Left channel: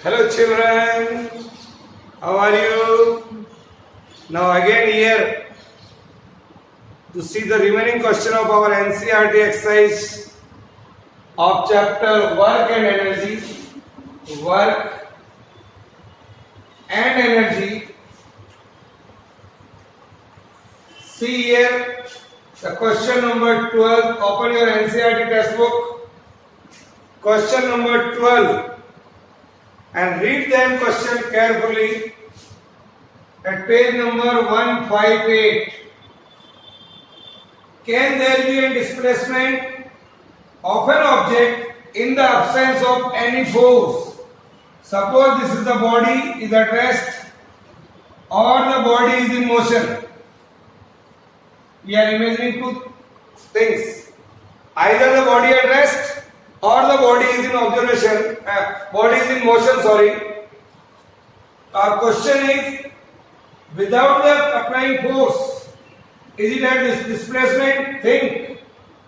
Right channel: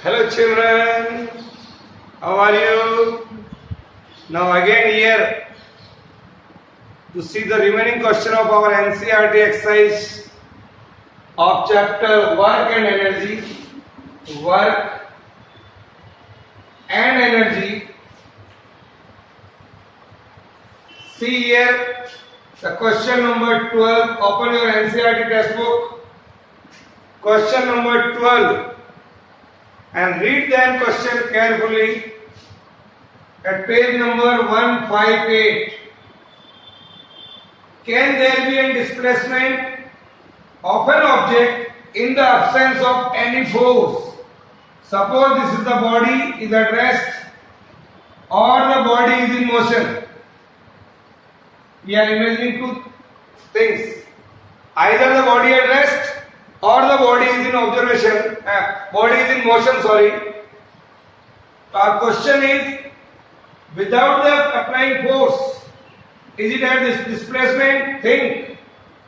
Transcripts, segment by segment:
Hello children, how are you? Now again here to see the remaining question of our NCERT exercise of chapter Work and Energy. Work and Energy. See here the question number 12. Open your NCERT textbook. Question number 12. And read them question carefully at page number 158. Can there be a displacement of an object in the absence of any force? Suppose this is the body is at rest or the body is in motion. We are imagining two things. Either the body at rest or the body is in observation, body is in motion, sorry. Our question is, without the applying force, is it at this displacement? Think.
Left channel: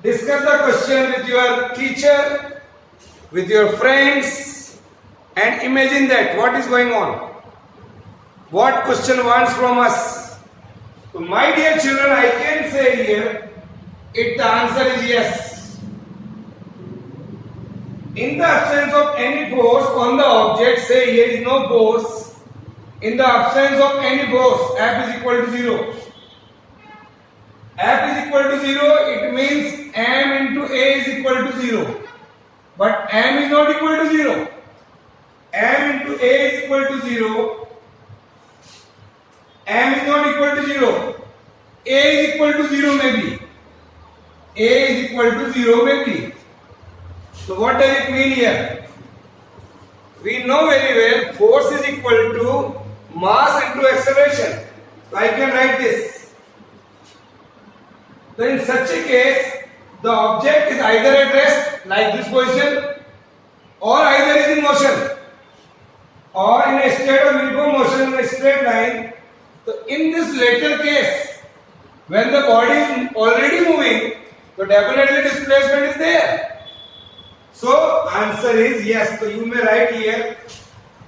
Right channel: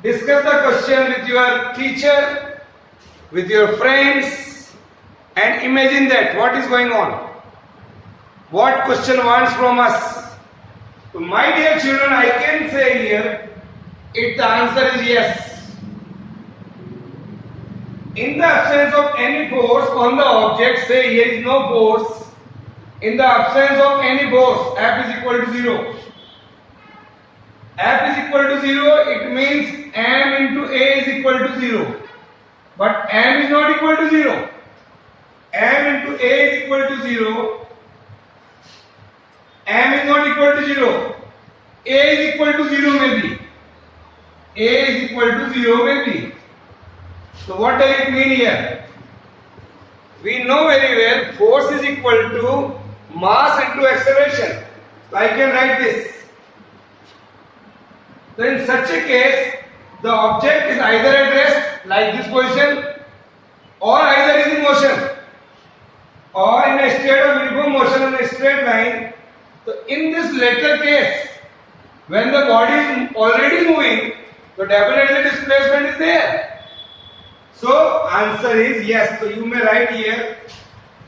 Discuss the question with your teacher, with your friends, and imagine that what is going on. What question wants from us? So my dear children, I can say here, if the answer is yes. In the absence of any force on the object, say here is no force. In the absence of any force, F is equal to 0. F is equal to 0, it means M into A is equal to 0. But M is not equal to 0. M into A is equal to 0. M is not equal to 0. A is equal to 0 maybe. A is equal to 0 maybe. So what does it mean here? We know very well force is equal to mass into acceleration. So I can write this. So in such a case, the object is either at rest, like this position, or either is in motion, or in a state of uniform motion in a straight line. So in this latter case, when the body is already moving, so definitely displacement is there. So answer is yes. So you may write here,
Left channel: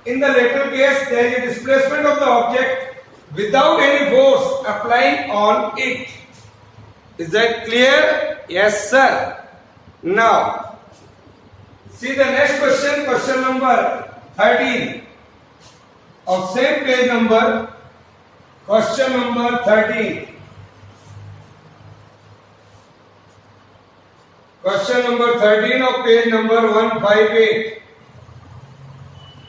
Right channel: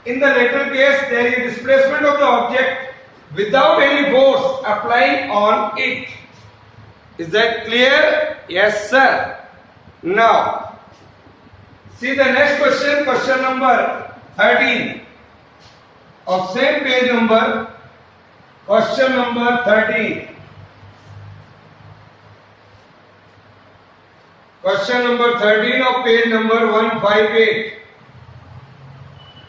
in the latter case there is a displacement of the object without any force applying on it. Is that clear? Yes sir. Now see the next question, question number 13 of same page number, question number 13. Question number 13 of page number 158.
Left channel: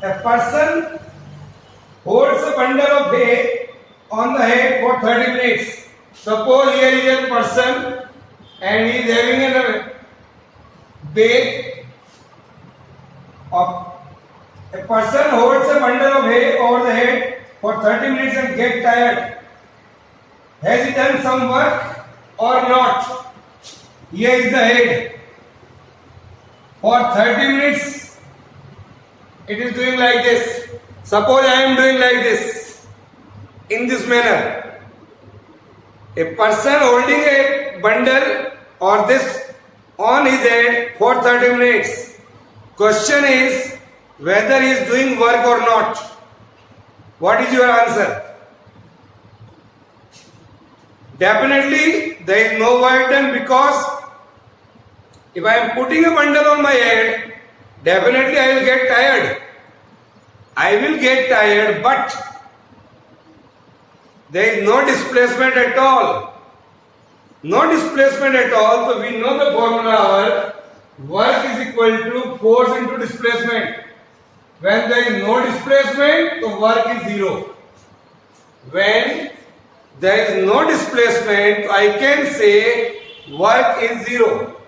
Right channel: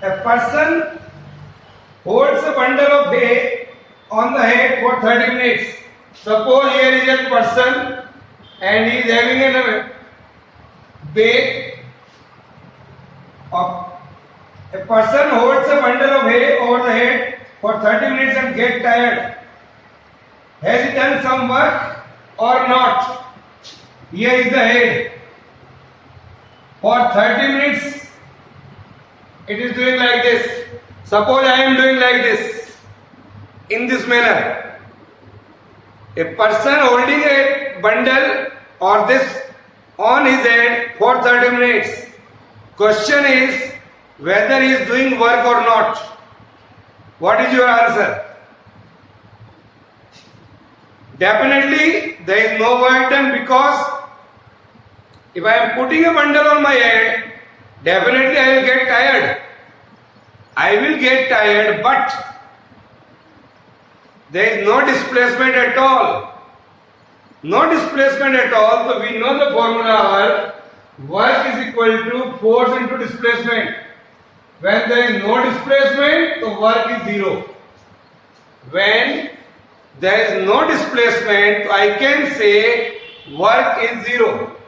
A person holds a bundle of hay on the head for 30 minutes. Suppose here is a person and he is having a bag of a person holds a bundle of hay over the head for 30 minutes and get tired. Has he done some work or not? Here is the head. For 30 minutes, it is doing like this. Suppose I am doing like this, in this manner. A person holding a bundle or this on his head for 30 minutes. Question is whether he is doing work or not. What is your answer? Definitely there is no work done, because if I am putting a bundle on my head, definitely I will get tired. I will get tired, but there is no displacement at all. No displacement at all. So we know the formula, work is equal to force into displacement. When there is no displacement, the work is 0. When there is no displacement, I can say work is 0.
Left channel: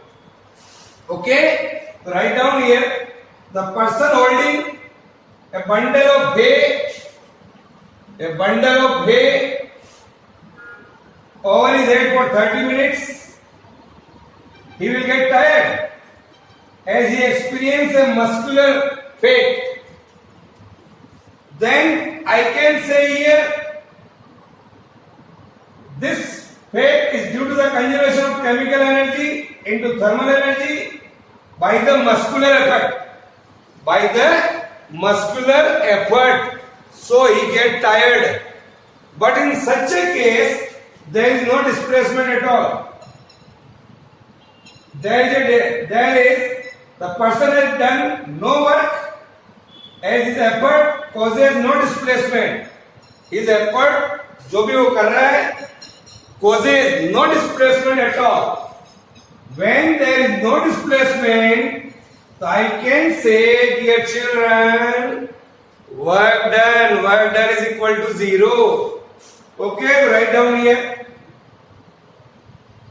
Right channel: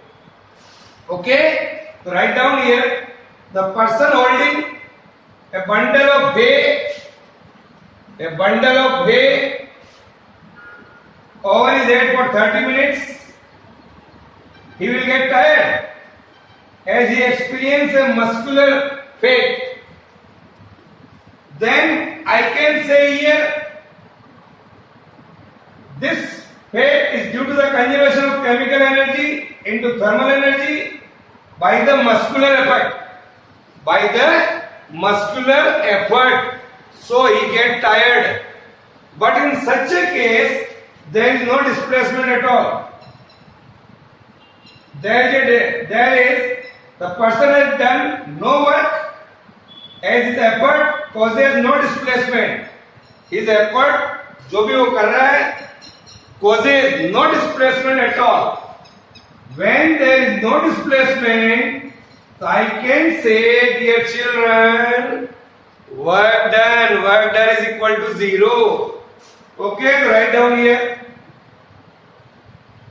Okay, write down here, the person holding a bundle of hay over his head for 30 minutes, he will get tired as he experiences a muscular fatigue. Then I can say here, this fate is due to the conservation of chemical energy into thermal energy by the muscular effect. By the muscular effort, so he get tired. But in such a case, there is no displacement at all. There is the person has done no work, as his effort causes no displacement. His effort, जो भी वो कर रहा है, causes no displacement at all. When there is no displacement, so I can say, dear children, work done is equal to 0. Okay, write down here.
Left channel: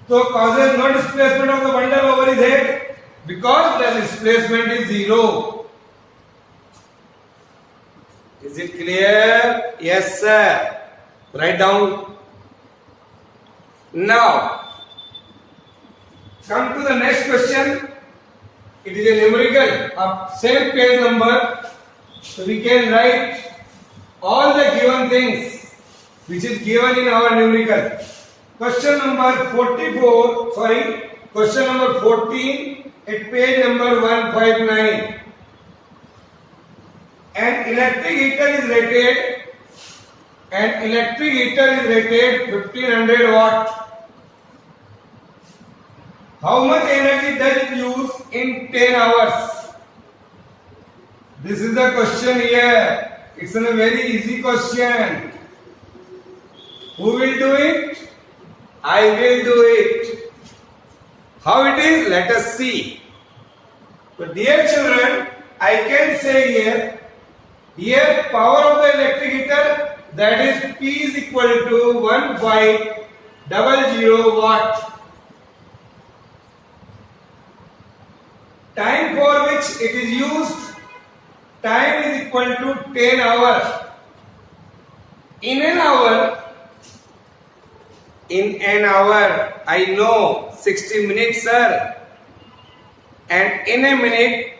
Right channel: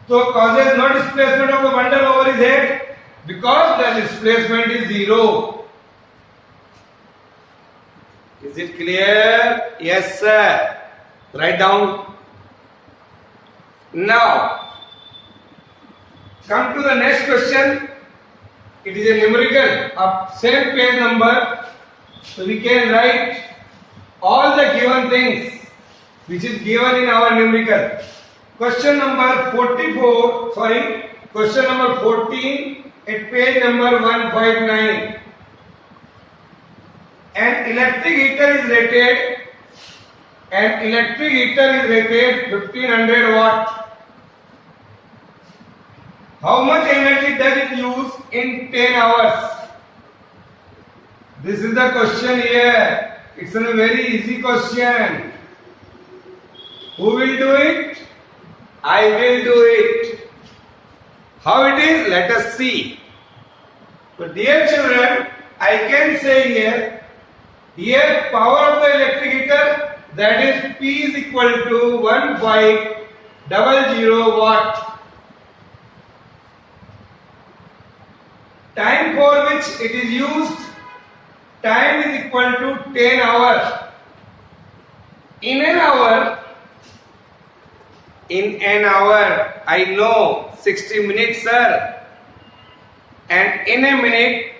So causes no displacement of the bundle over his head because the displacement is 0. Is it clear? Yes, sir. Write down. Now, come to the next question. It is a numerical of same page number. So we can write all the given things which is given in our numerical. Question number 44, question number 14 at page number 159. An electric heater is rated 1500 watt. How much energy does it use in 10 hours? This is the question here. It's a very easy question. Who will do it? I will do it. How it is? Let us see. So dear children, I can say here power of the electric heater, that is P is equal to 1500 watt. Time for which it is used, time is equal to 10 hours. In an hour, I know 60 minutes, sir. And in a minute,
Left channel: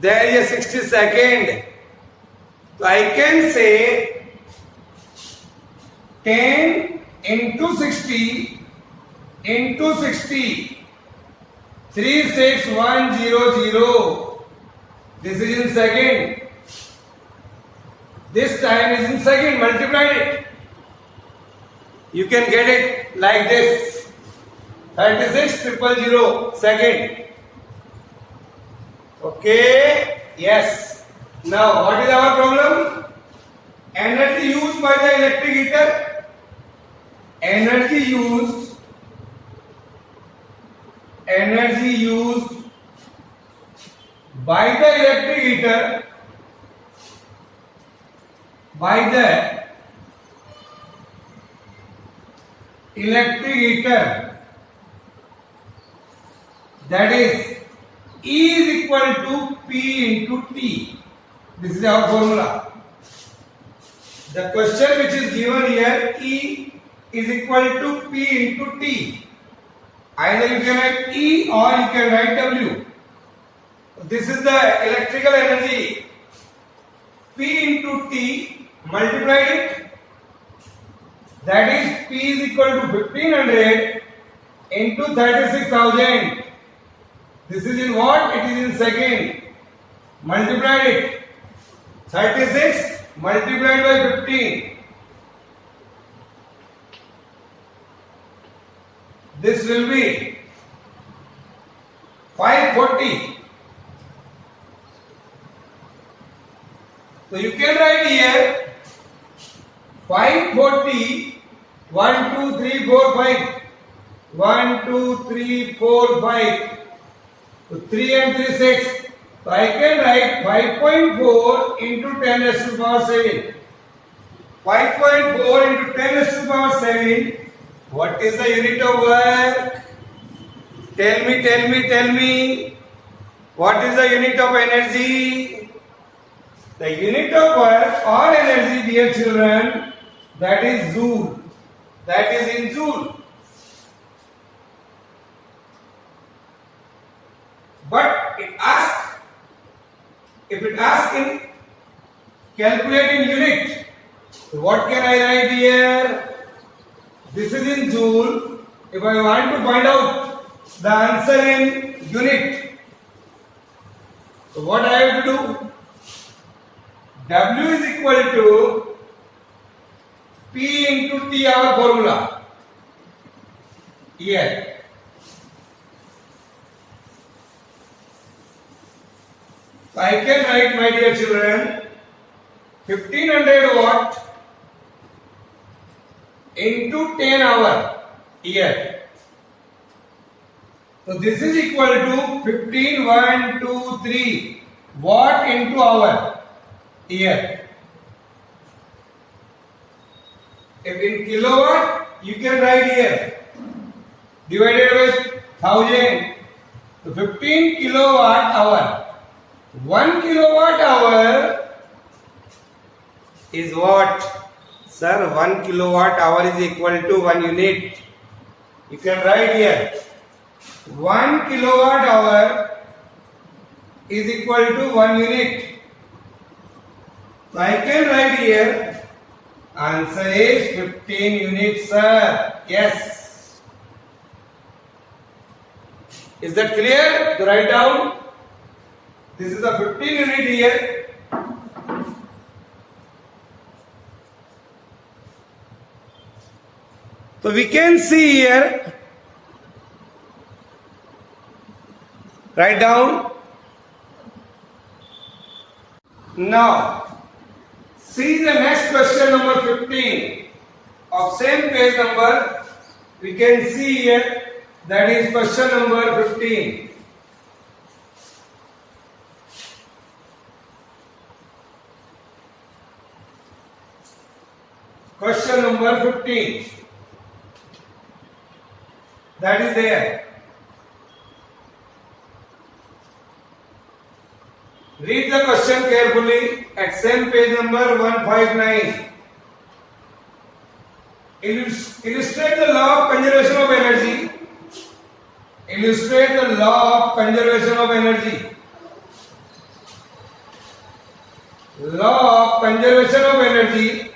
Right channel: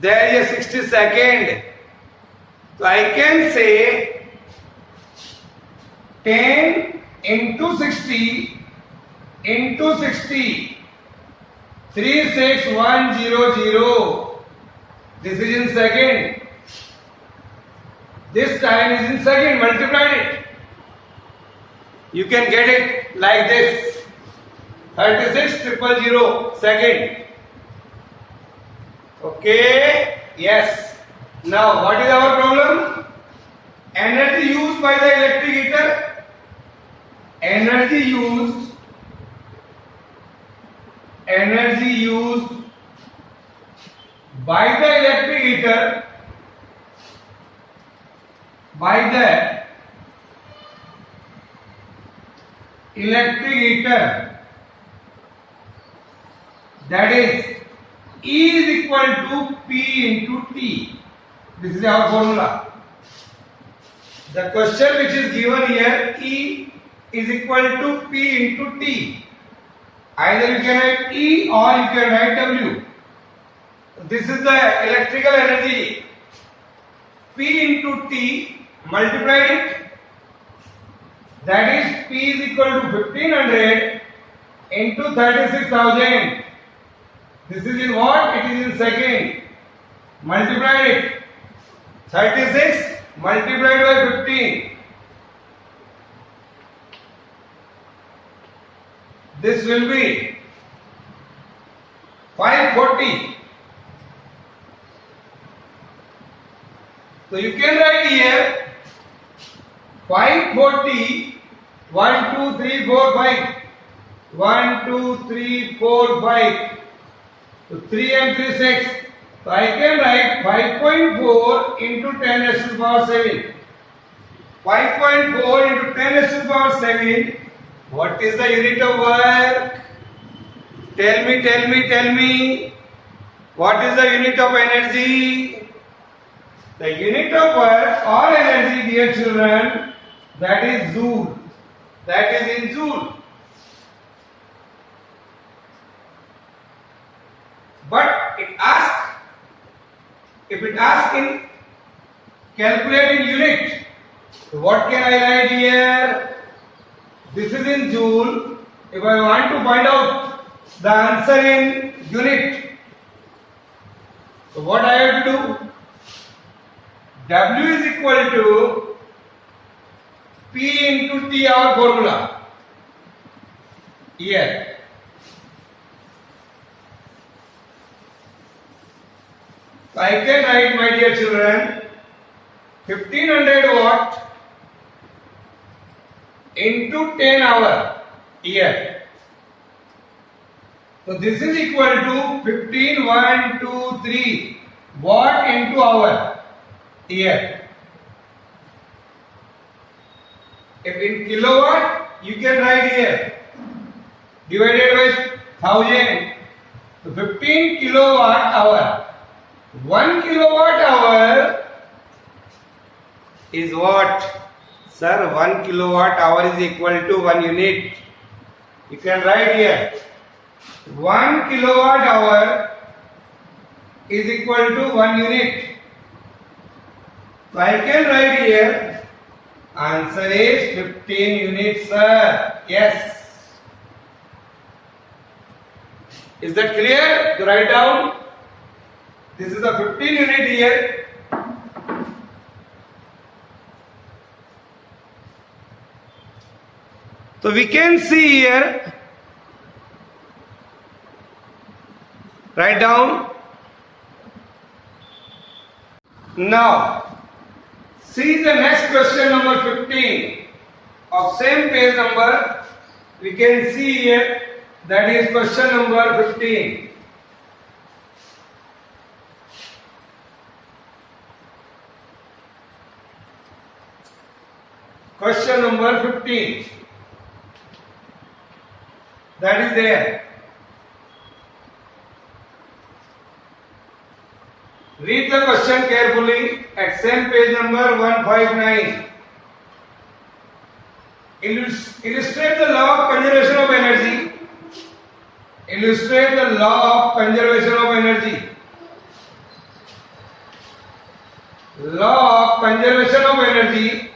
there is a 60 second. So I can say 10 into 60 into 60. 36100. This is in second. This time is in second. Multiply it. You can get it like this. 36,000 second. Okay. Yes. Now what is our problem? Energy used by the electric heater. Energy used by the electric heater, that is E is equal to P into T. This is our formula. The question which is given here, E is equal to P into T. Either you can write E or you can write W. This is the electrical energy. P into T, multiply it. That is P is equal to 1500 into 36,000. This is in what? It is in second. Multiply it. 36 multiplied by 15. This will be 540. So you can write here 540. 1, 2, 3, 4, 5. 1, 2, 3, 4, 5. So 3 and 3, 6. So I can write 5.4 into 10 raised to the power 7. 5.4 into 10 raised to the power 7. What is the unit of work? Tell me. What is the unit of energy? The unit of work or energy, dear children, that is joule. That is in joule. But if it asks in calculating unit, so what can I write here? This is in joule. If I want to find out the answer in unit, so what I have to do? W is equal to P into T, our formula here. So I can write, my dear children, 1500 watt into 10 hour here. So this is equal to 15, 1, 2, 3 watt into hour here. If in kilowatt, you can write here divided by 1000. So 15 kilowatt hour. 1 kilowatt hour is what? Sir, 1 kilowatt hour is equal to 1 unit. You can write here 1 kilowatt hour is equal to 1 unit. So I can write here answer is 15 units, sir. Yes. Is that clear? To write down. This is the 15 unit here. So we can see here, write down. Now, see the next question number 15 of same page number. We can see here, that is question number 15. Question number 15. That is there. Read the question carefully at same page number 159. Illustrate the law of conservation of energy. Illustrate the law of conservation of energy. Law of conservation of energy.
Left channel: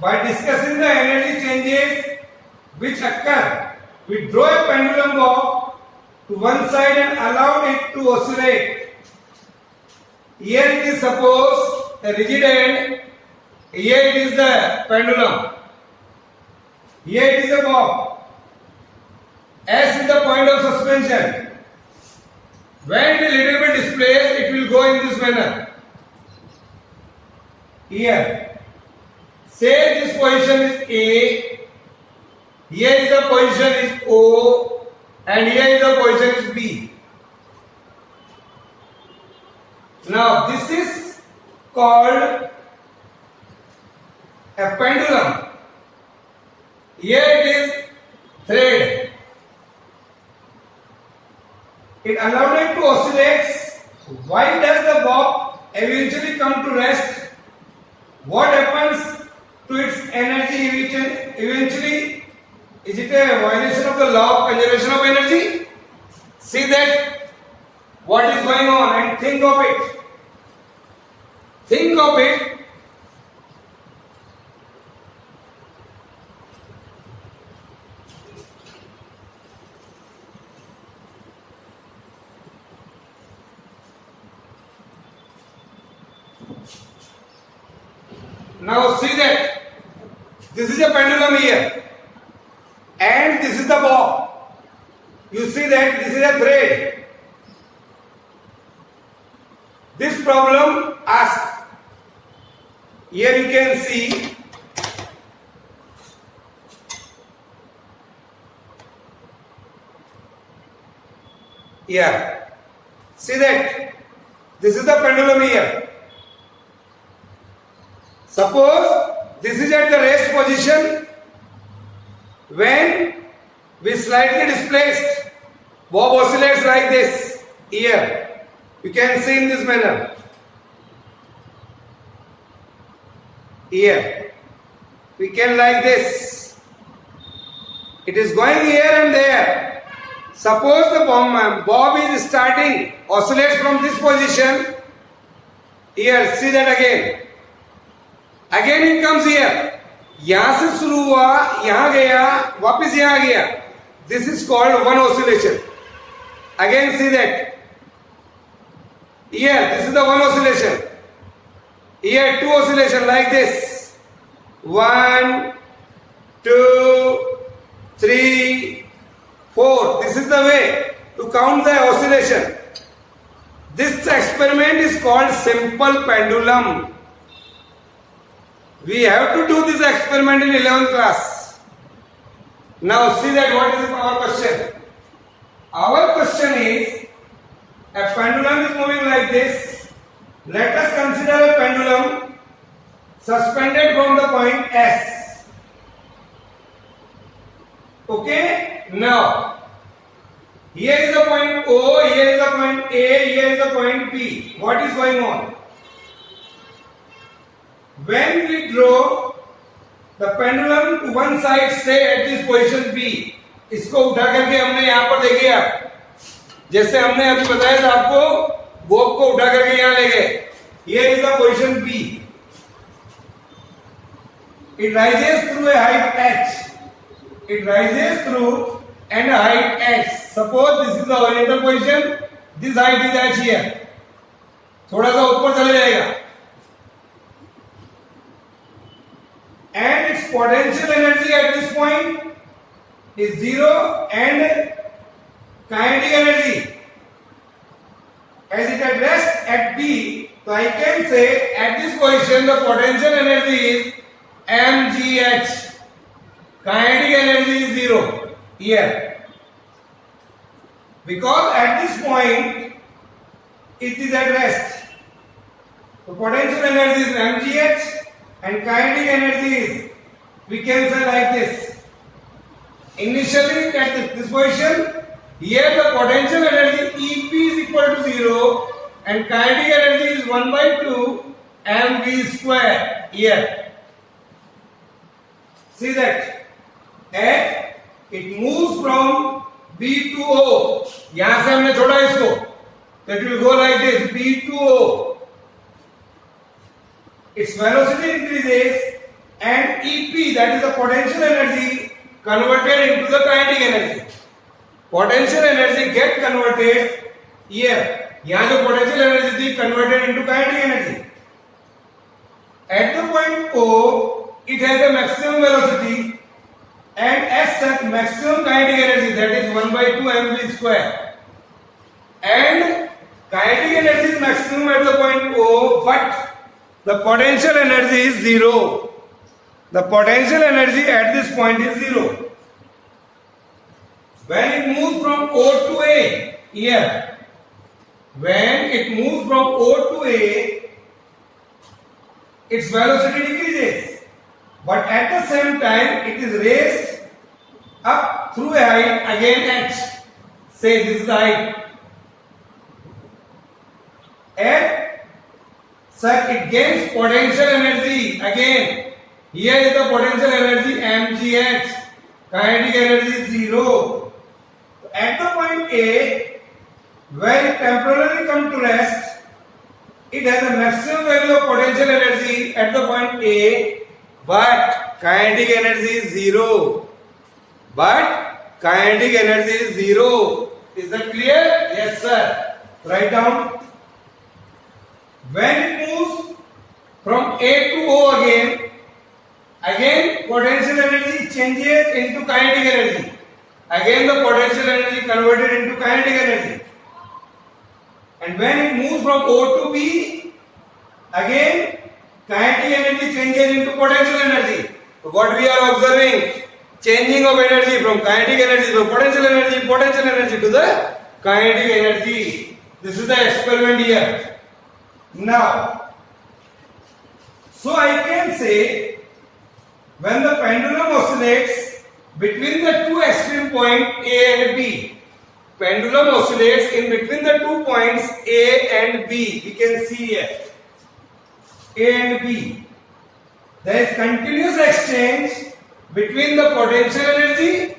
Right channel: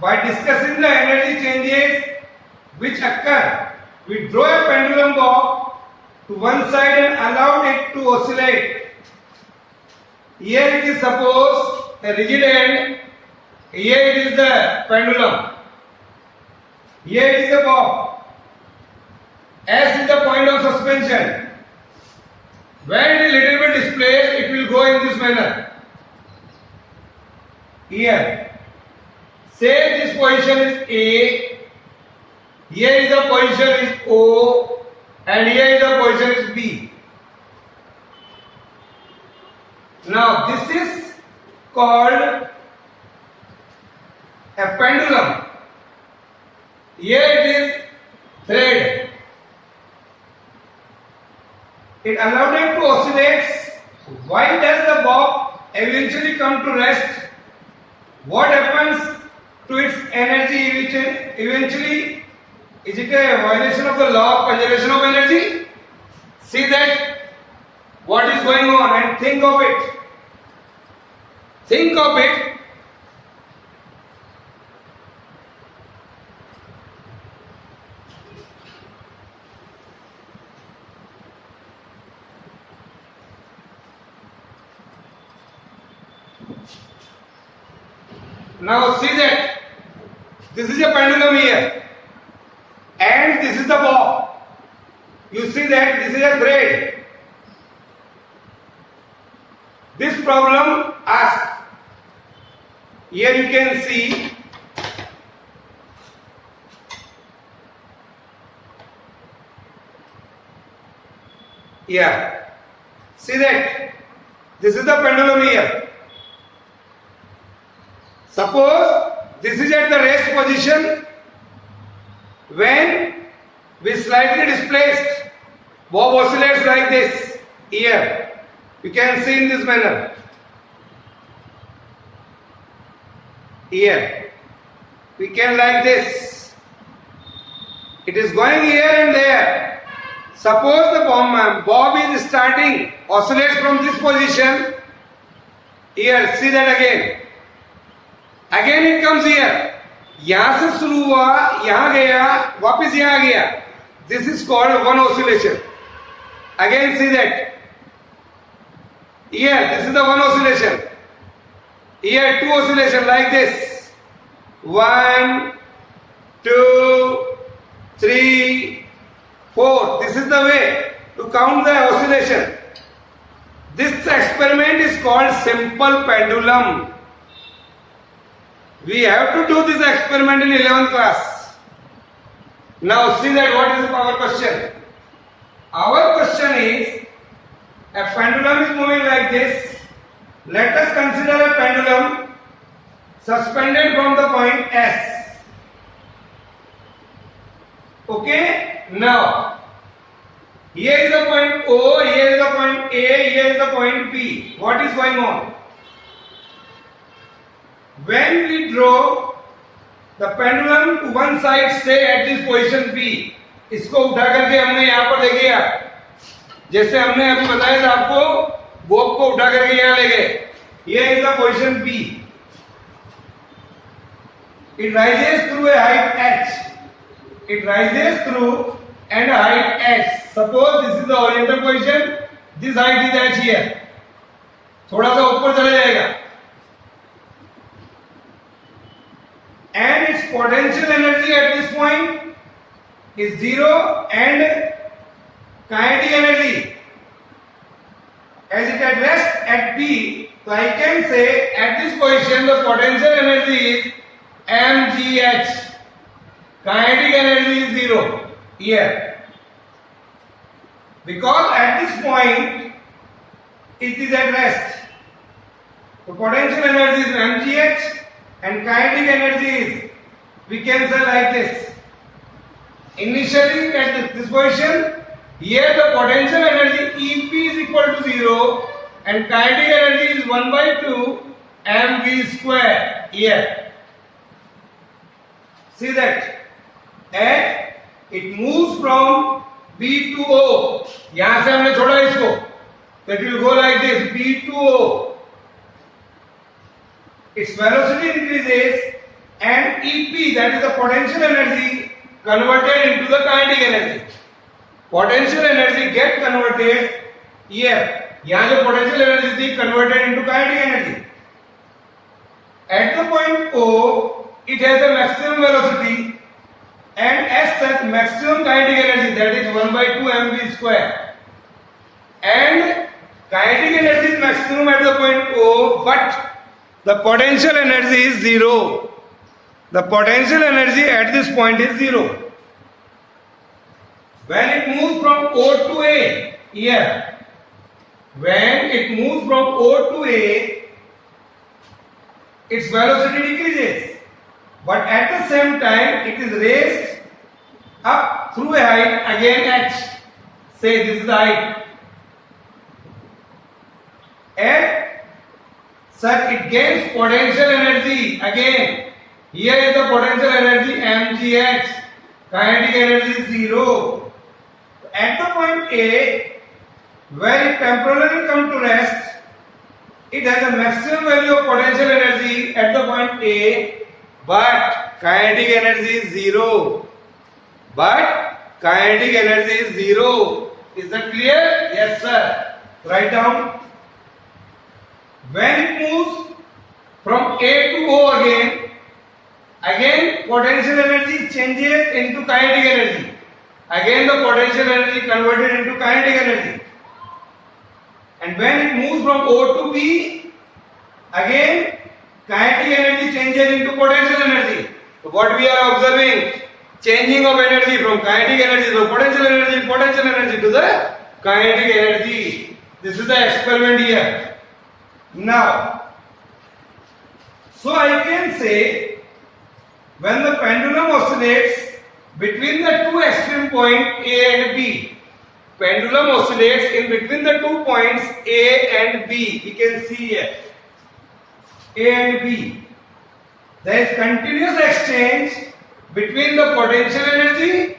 By discussing the energy changes which occur, we draw a pendulum bob to one side and allow it to oscillate. Here it is suppose a rigid end, here it is the pendulum, here it is a bob. S is the point of suspension. When it is little bit displaced, it will go in this manner. Here. Say this position is A, here is the position is O, and here is the position is B. Now this is called a pendulum. Here it is thread. It allowed it to oscillate. Why does the bob eventually come to rest? What happens to its energy eventually? Is it a violation of the law of conservation of energy? See that what is going on and think of it. Think of it. Now see that this is a pendulum here and this is the bob. You see that this is a thread. This problem asks, here you can see here. See that this is the pendulum here. Suppose this is at the rest position. When we slightly displaced, bob oscillates like this. Here, you can see in this manner. Here, we can like this. It is going here and there. Suppose the bob is starting, oscillates from this position. Here, see that again. Again it comes here. यहां से शुरू हुआ, यहां गया, वापस यहां गया. This is called one oscillation. Again see that. Here, this is the one oscillation. Here, two oscillation like this. 1, 2, 3, 4. This is the way to count the oscillation. This experiment is called simple pendulum. We have to do this experiment in 11th class. Now see that what is our question. Our question is, a pendulum is moving like this. Let us consider a pendulum suspended from the point S. Okay? Now, here is the point O, here is the point A, here is the point P. What is going on? When we draw the pendulum to one side, say at this position P, इसको उठा करके हमने यहाँ पर देखिए आप, जैसे हमने अभी बताया था आपको, बोब को उठा करके यहाँ ले गए. Here is the position P. It rises through a height h. It rises through and a height h. Suppose this is the horizontal position. This height is h here. थोड़ा सा ऊपर चला जाएगा. And its potential energy at this point is 0 and kinetic energy as it at rest at P, so I can say at this position the potential energy is mgh. Kinetic energy is 0 here, because at this point it is at rest. So potential energy is mgh and kinetic energy is, we can say like this. Initially at this position, here the potential energy EP is equal to 0 and kinetic energy is 1 by 2 mv square here. See that? And it moves from B to O. यहाँ से हमने छोड़ा इसको, so it will go like this, B to O. Its velocity increases and EP, that is the potential energy, converted into the kinetic energy. Potential energy get converted here. यहाँ जो potential energy थी converted into kinetic energy. At the point O, it has a maximum velocity and as such maximum kinetic energy, that is 1 by 2 mv square. And kinetic energy is maximum at the point O, but the potential energy is 0. The potential energy at this point is 0. When it moves from O to A, here, when it moves from O to A, its velocity decreases. But at the same time, it is raised up through a height again h. Say this is the height. And such it gains potential energy again. Here is the potential energy mgh. Kinetic energy is 0. At the point A, where it temporarily comes to rest, it has a maximum value of potential energy at the point A, but kinetic energy is 0. But kinetic energy is 0. Is that clear? Yes, sir. Write down. When it moves from A to O again potential energy changes into kinetic energy. Again the potential energy converted into kinetic energy. And when it moves from O to B, again kinetic energy changes into potential energy. So what we are observing? Changing of energy from kinetic energy to potential energy to the kinetic energy. This is the experiment here. Now, so I can say, when the pendulum oscillates between the two extreme points A and B, pendulum oscillates in between the 2 points A and B. We can see here A and B. There is continuous exchange between the potential energy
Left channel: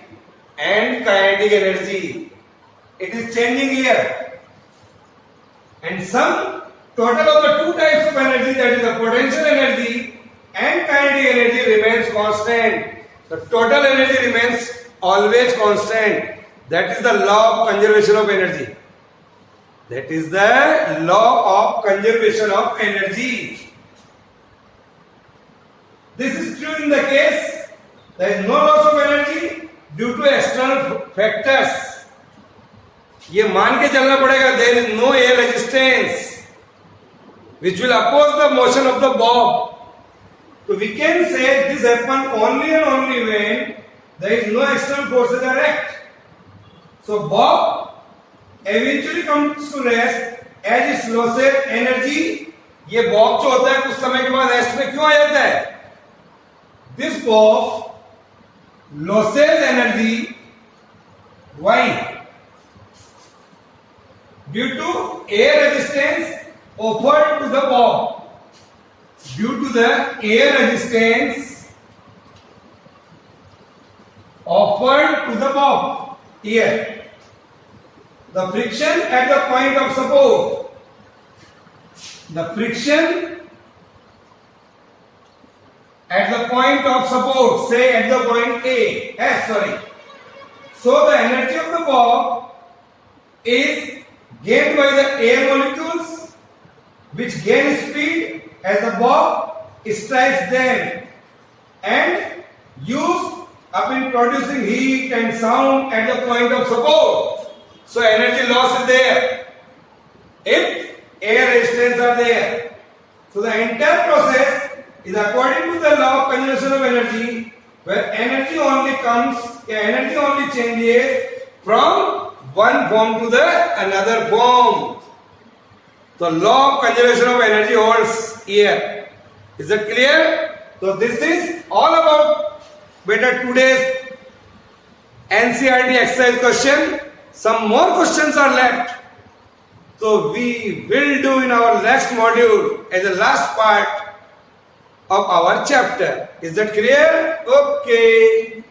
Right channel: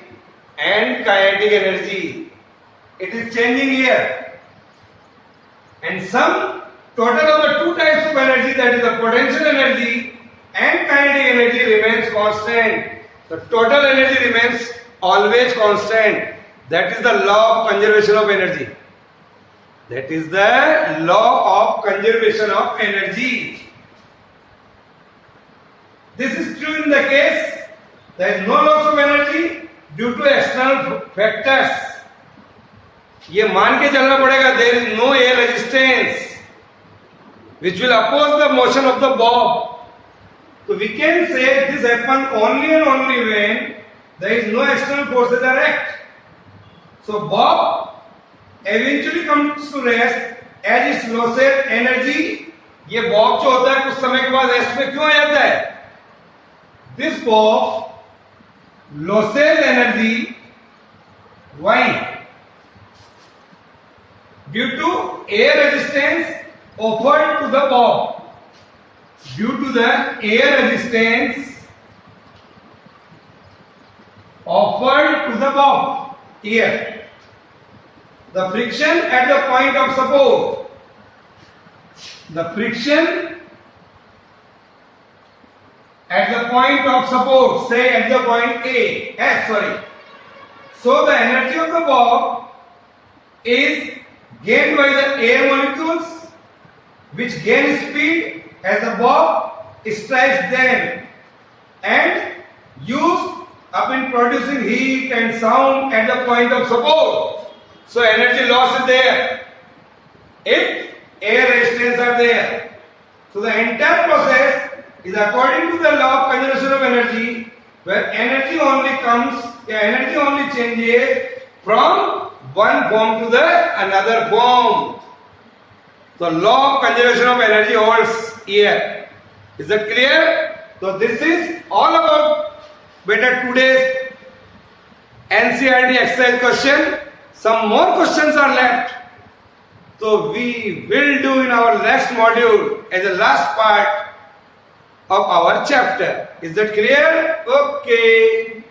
and kinetic energy. It is changing here, and some total of the two types of energy, that is the potential energy and kinetic energy, remains constant. The total energy remains always constant. That is the law of conservation of energy. That is the law of conservation of energy. This is true in the case there is no loss of energy due to external factors. ये मान के चलना पड़ेगा there is no air resistance which will oppose the motion of the bob. So we can say this happens only and only when there is no external forces are act. So bob eventually comes to rest as its losses energy. ये bob जो होता है कुछ समय के बाद rest में क्यों आ जाता है? This bob losses energy. Why? Due to air resistance offered to the bob. Due to the air resistance offered to the bob. Here, the friction at the point of support. The friction at the point of support, say at the point A. So the energy of the bob is gained by the air molecules, which gain speed as the bob strikes them and used up in producing heat and sound at the point of support. So energy loss is there if air resistance are there. So the entire process is according to the law of conservation of energy, where energy only changes from one form to the another form. The law of conservation of energy holds here. Is that clear? So this is all about today's NCERT exercise question. Some more questions are left. So we will do in our next module as the last part of our chapter. Is that clear? Okay.